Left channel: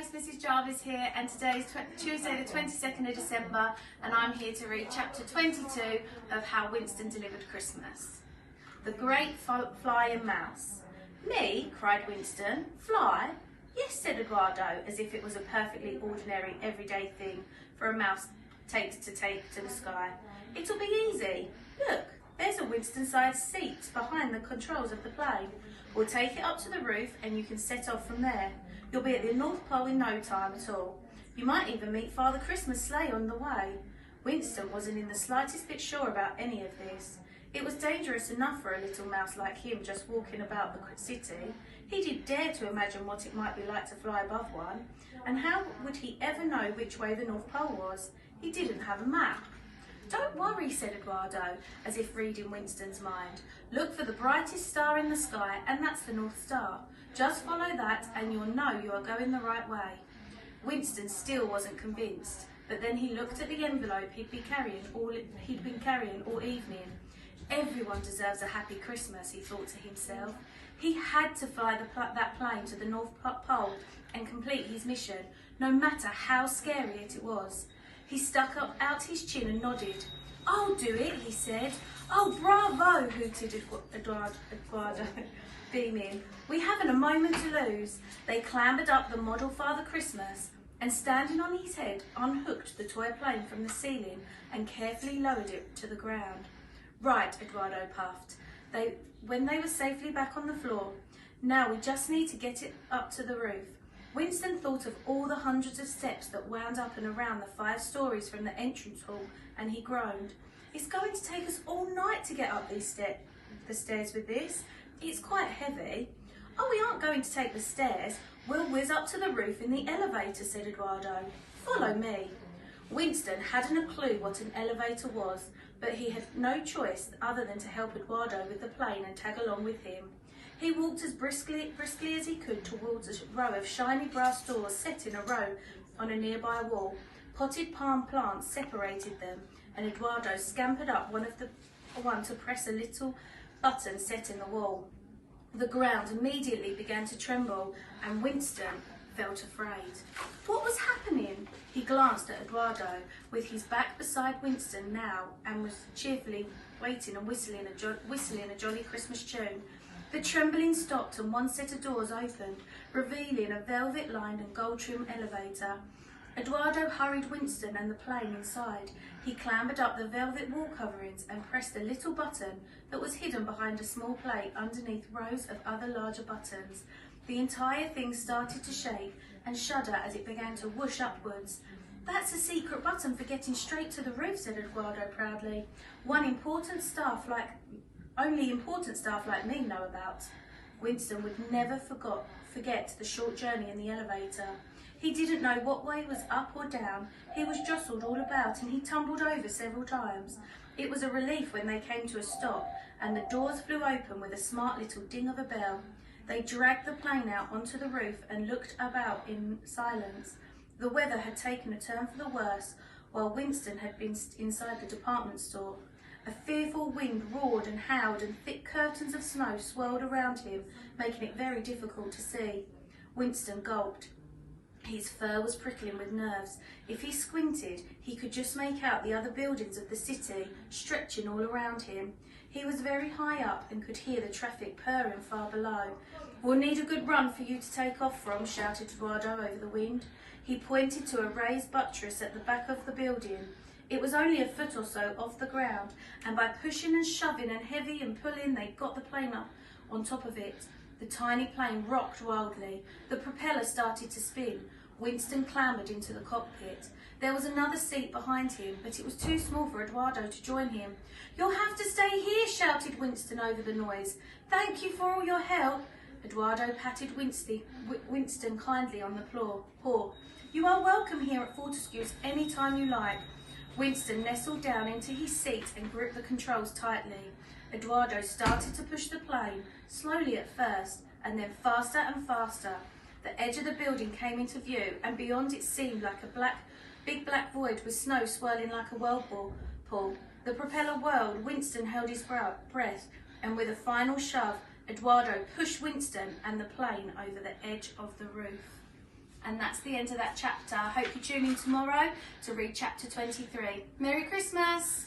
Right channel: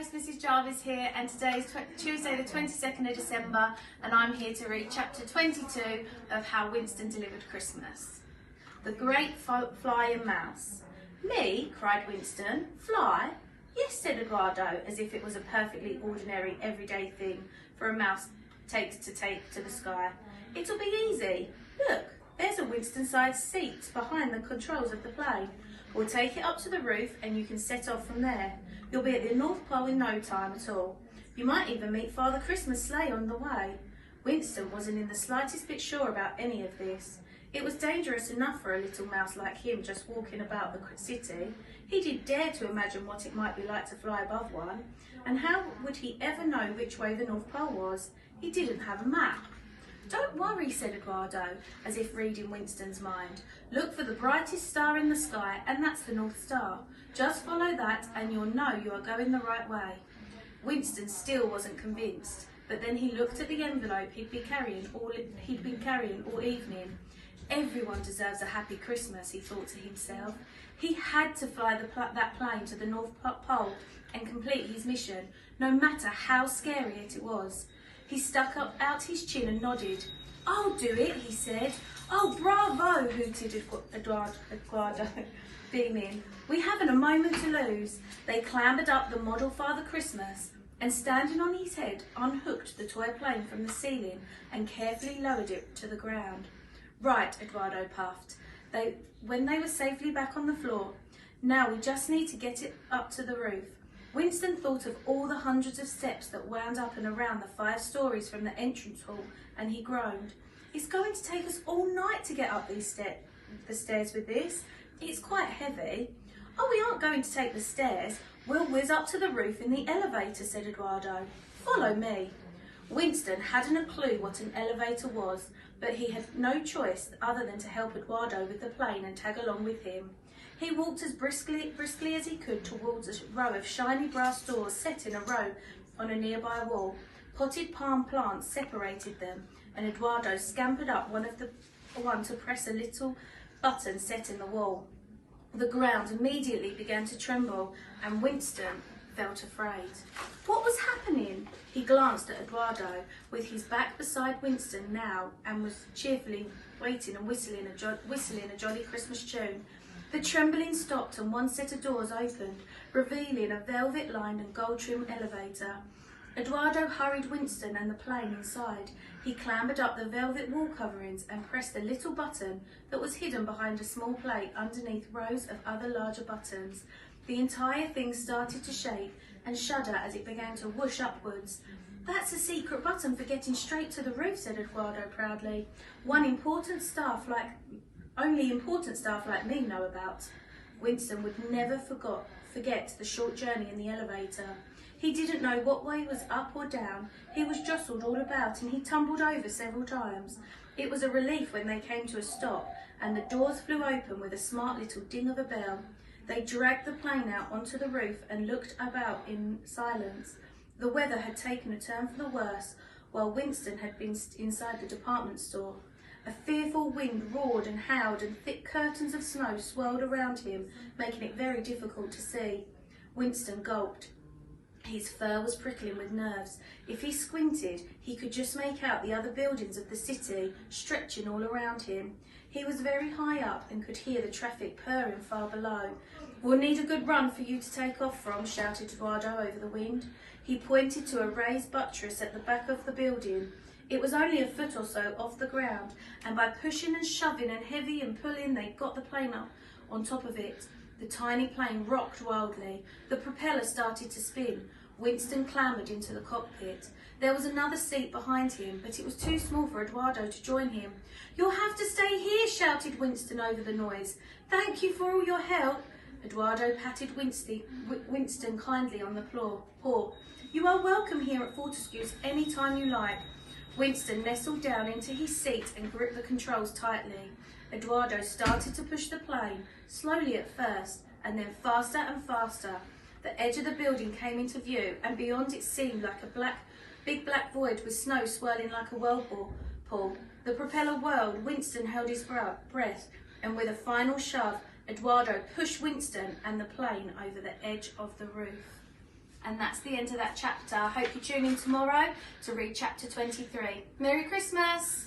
host, Mrs. Jarvis here, and today is Tuesday the 22nd of December, and I'm here to read chapter 22 of How Winston Delivered Christmas. The Great Flying Mouse. Me, cried Winston. Fly? Yes, said Eduardo, as if it was a perfectly ordinary, everyday thing for a mouse to take to the sky. It'll be easy. Look, there's a Winston-sized seat behind the controls of the plane. We'll take it up to the roof and you can set off from there. You'll be at the North Pole in no time at all. You might even meet Father Christmas sleigh on the way. Winston wasn't in the slightest bit sure about any of this. It was dangerous enough for a little mouse like him just walking about the city. He didn't dare to imagine what it might be like to fly above one. And how would he ever know which way the North Pole was? He didn't have a map. Don't worry, said Eduardo, as if reading Winston's mind. Look for the brightest star in the sky, and that's the North Star. Just follow that, and you'll know you are going the right way. Winston still wasn't convinced, but then he looked at the envelope he'd been carrying all evening. Everyone deserves a happy Christmas, he thought to himself. He had to fly that plane to the North Pole and complete his mission, no matter how scary it was. He stuck out his chin and nodded. I'll do it, he said. Oh, bravo, hooted Eduardo, beaming. We haven't a moment to lose. They clambered up the model Father Christmas and, standing on his head, unhooked the toy plane from the ceiling and carefully lowered it to the ground. Right, Eduardo puffed, when they were safely back on the floor. Now we just need to get it up to the roof. Winston thought of all the hundreds of steps that wound up and around the 5 stories from the entrance hall, and he groaned. It's going to take us all night to get up the stairs with this. It's quite heavy. Oh, we aren't going to take the stairs. We'll whiz up to the roof in the elevator, said Eduardo. Follow me. Winston hadn't a clue what an elevator was, but he had no choice other than to help Eduardo with the plane and tag along with him. He walked as briskly as he could towards a row of shiny brass doors set in a row on a nearby wall. Potted palm plants separated them, and Eduardo scampered up one to press a little button set in the wall. The ground immediately began to tremble, and Winston felt afraid. What was happening? He glanced at Eduardo, with his back beside Winston now, and was cheerfully waiting and whistling a jolly Christmas tune. The trembling stopped and one set of doors opened, revealing a velvet-lined and gold-trimmed elevator. Eduardo hurried Winston and the plane inside. He clambered up the velvet wall coverings and pressed the little button that was hidden behind a small plate underneath rows of other larger buttons. The entire thing started to shake and shudder as it began to whoosh upwards. That's a secret button for getting straight to the roof, said Eduardo proudly. Only important staff like me know about. Winston would never forget the short journey in the elevator. He didn't know what way was up or down. He was jostled all about and he tumbled over several times. It was a relief when they came to a stop and the doors flew open with a smart little ding of a bell. They dragged the plane out onto the roof and looked about in silence. The weather had taken a turn for the worse, while Winston had been inside the department store. A fearful wind roared and howled, and thick curtains of snow swirled around him, making it very difficult to see. Winston gulped. His fur was prickling with nerves. If he squinted, he could just make out the other buildings of the city stretching all around him. He was very high up and could hear the traffic purring far below. We'll need a good run for you to take off from, shouted Eduardo over the wind. He pointed to a raised buttress at the back of the building. It was only a foot or so off the ground, and by pushing and shoving and heavy and pulling, they got the plane up on top of it. The tiny plane rocked wildly. The propeller started to spin. Winston clambered into the cockpit. There was another seat behind him, but it was too small for Eduardo to join him. You'll have to stay here, shouted Winston over the noise. Thank you for all your help. Eduardo patted Winston kindly on the paw. You are welcome here at Fortescue's any time you like. Winston nestled down into his seat and gripped the controls tightly. Eduardo started to push the plane, slowly at first, and then faster and faster. The edge of the building came into view, and beyond it seemed like a big black void with snow swirling like a whirlpool. The propeller whirled, Winston held his breath, and with a final shove, Eduardo pushed Winston and the plane over the edge of the roof. And that's the end of that chapter. I hope you tune in tomorrow to read chapter 23. Merry Christmas!